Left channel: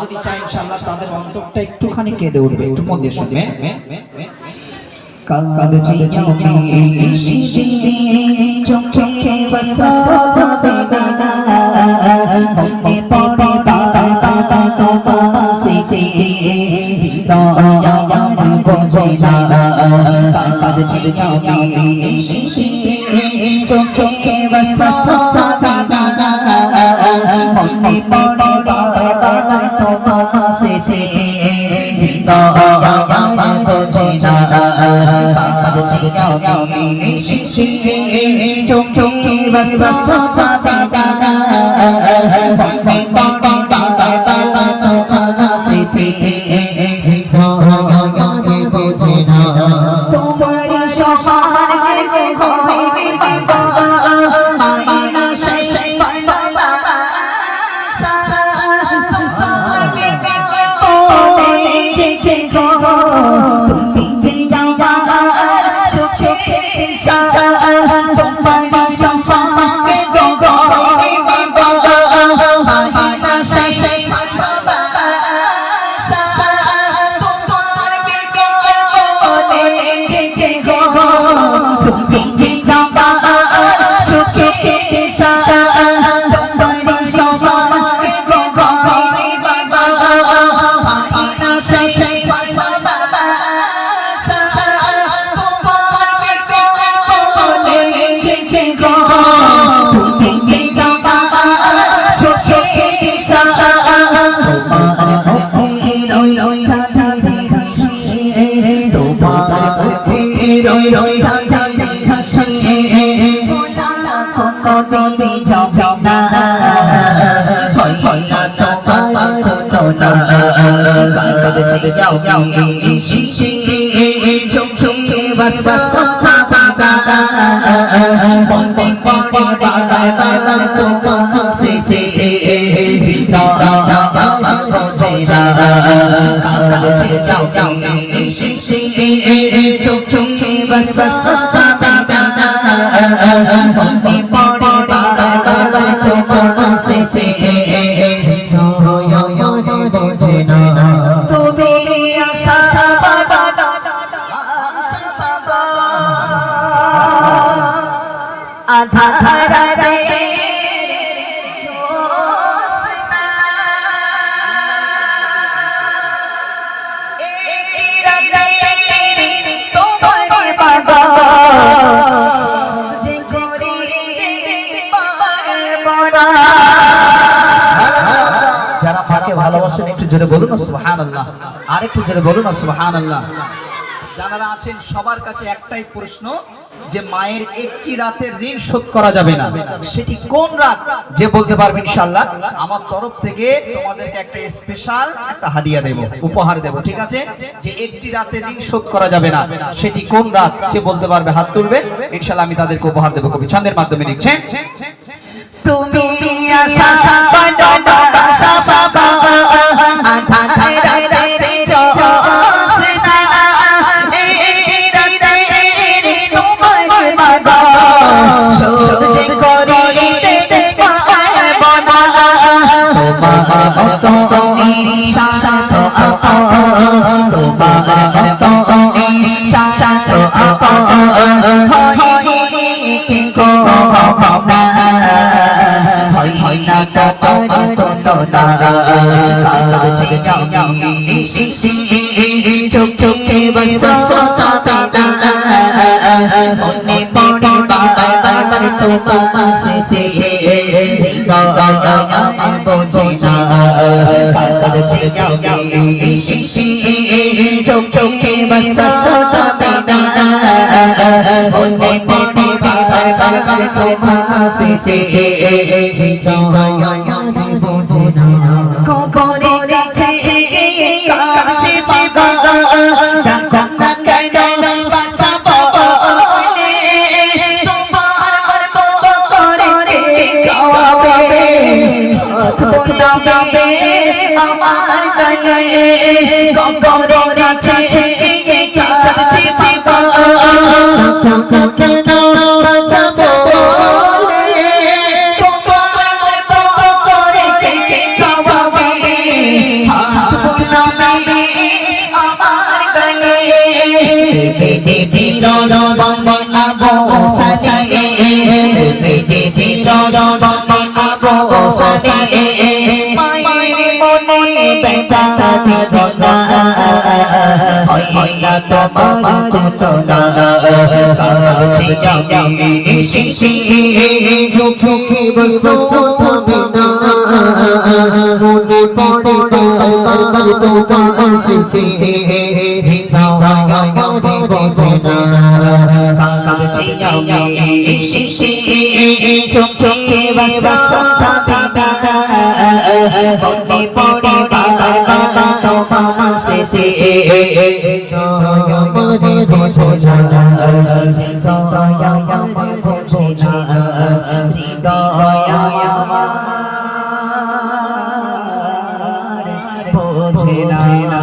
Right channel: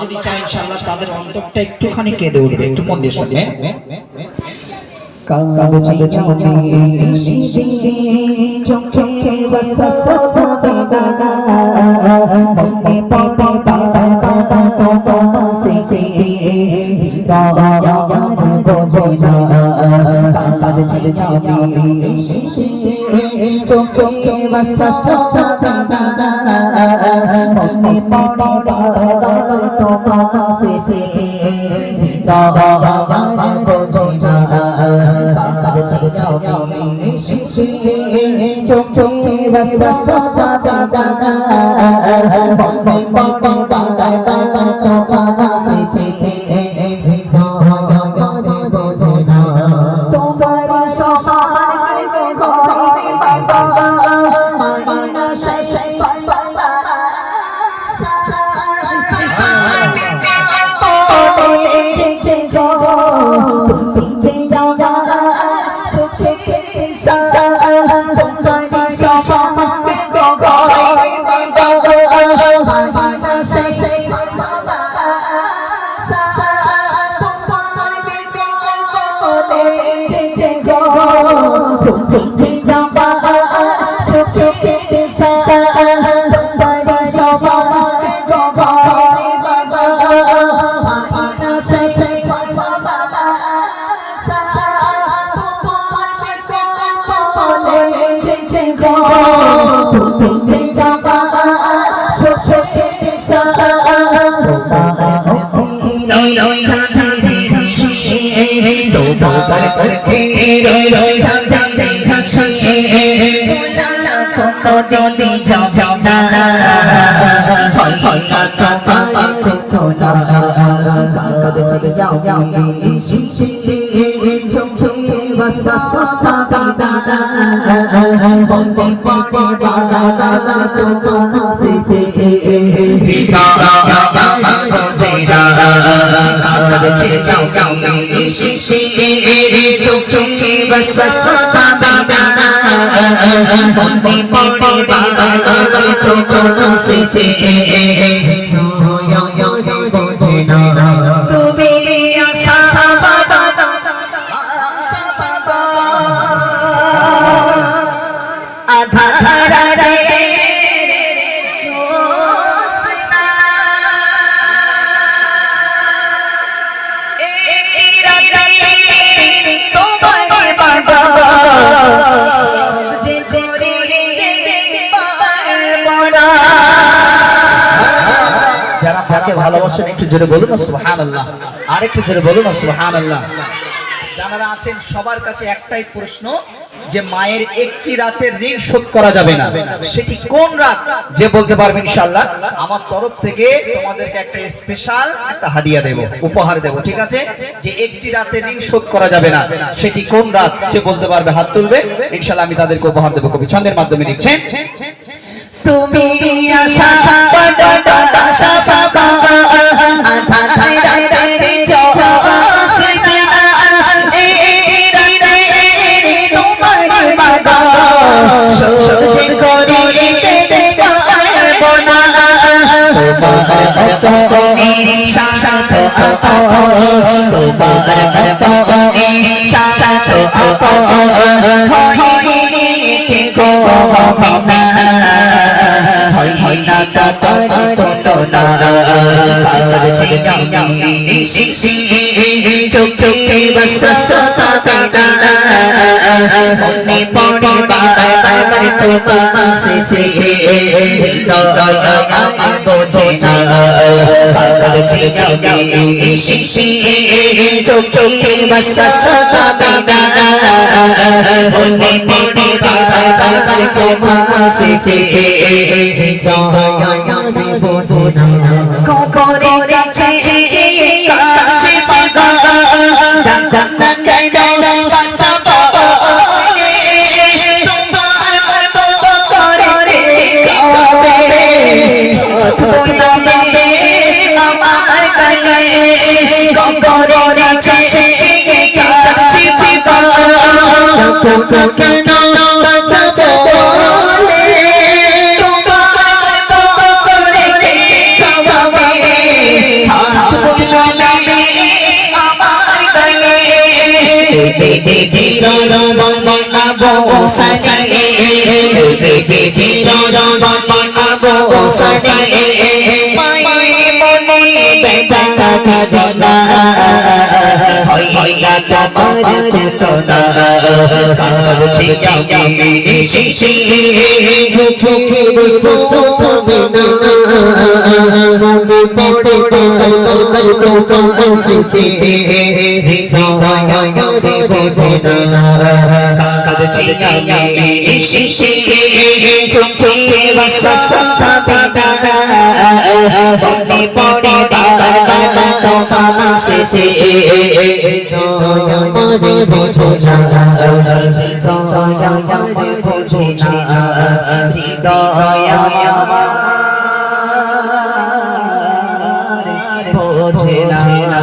যদি চাই ইনশাআল্লাহ তাদের অন্তরটা একটুখানি কেঁদে উঠবে, একটু মন দিয়ে শুনবেন। কাগজে চাঁদি শিশিরে চোখে বসাবে না মনে পড়ে বাবা সে দয়ার বোঝে না। কাগজে চাঁদি শিশিরে চোখে বসাবে না মনে পড়ে বাবা সে দয়ার বোঝে না। চোখে বসাবে না মনে পড়ে বাবা সে দয়ার বোঝে না। তোমার সমান হইবে বাবা আয়না শেষে বাবা তুমি যে যাও চোখে তোমার সমান হইবে বাবা আয়না শেষে বাবা তুমি যে যাবা চোখে তোমার সমান হইবে বাবা আয়না শেষে বাবা তুমি যে যাবা চোখে ভালোবাসেন একটু জোরে বলুন না সুবহানাল্লাহ। আর একটু জোরে বলুন না সুবহানাল্লাহ। যারা আছেন সবার কাছে একটাই প্রশ্ন যে মায়ের একটি রাতের ঋণ শোধ করা যাবে না, সেটি কোন রাত? যে বলতে পারবেন ইনশাআল্লাহ আমার তরফ থেকে তোমাদেরকে একটা স্পেশাল একটা হাদিয়া দেব, উপহার দেব, ঠিক আছে? যে একটি রাতের ঋণ শোধ করা যাবে না সেটি কোন রাত? যে বলতে পারবে হাত তুলবে, ইনশাআল্লাহ আমি তাদেরকে উপহার দেব। কবি ছন্দের মাধ্যমে লিখছে তুমি আশা চোখে বসাবে না মনে পড়ে বাবার তোমার সে দয়ার বোঝে না। চোখে বসাবে না মনে পড়ে বাবার তোমার সে দয়ার বোঝে না। কবরে কাছে কাছে ফিরোজ বনে আবু সাসে বেবি ফিরোজ বনে আবু সাসে মায়ের মনে বেদনা কাঁদনা হইলা তোমার কতনা কাছে যাবে শিশি চোখে বসো তবে না রবি পড়ে তো আসছে হৃদয় আমারে বোঝে না কাছে যাবে শিশি চোখে বসো তবে না রবি পড়ে তো আসছে হৃদয় আমারে বোঝে না হৃদয় আমারে বোঝে না হৃদয় আমারে বোঝে না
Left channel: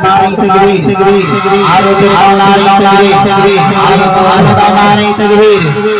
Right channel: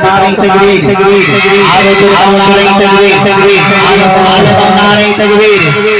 नारे तकबीर आरो जो नारे तकबीर आरो नारे तकबीर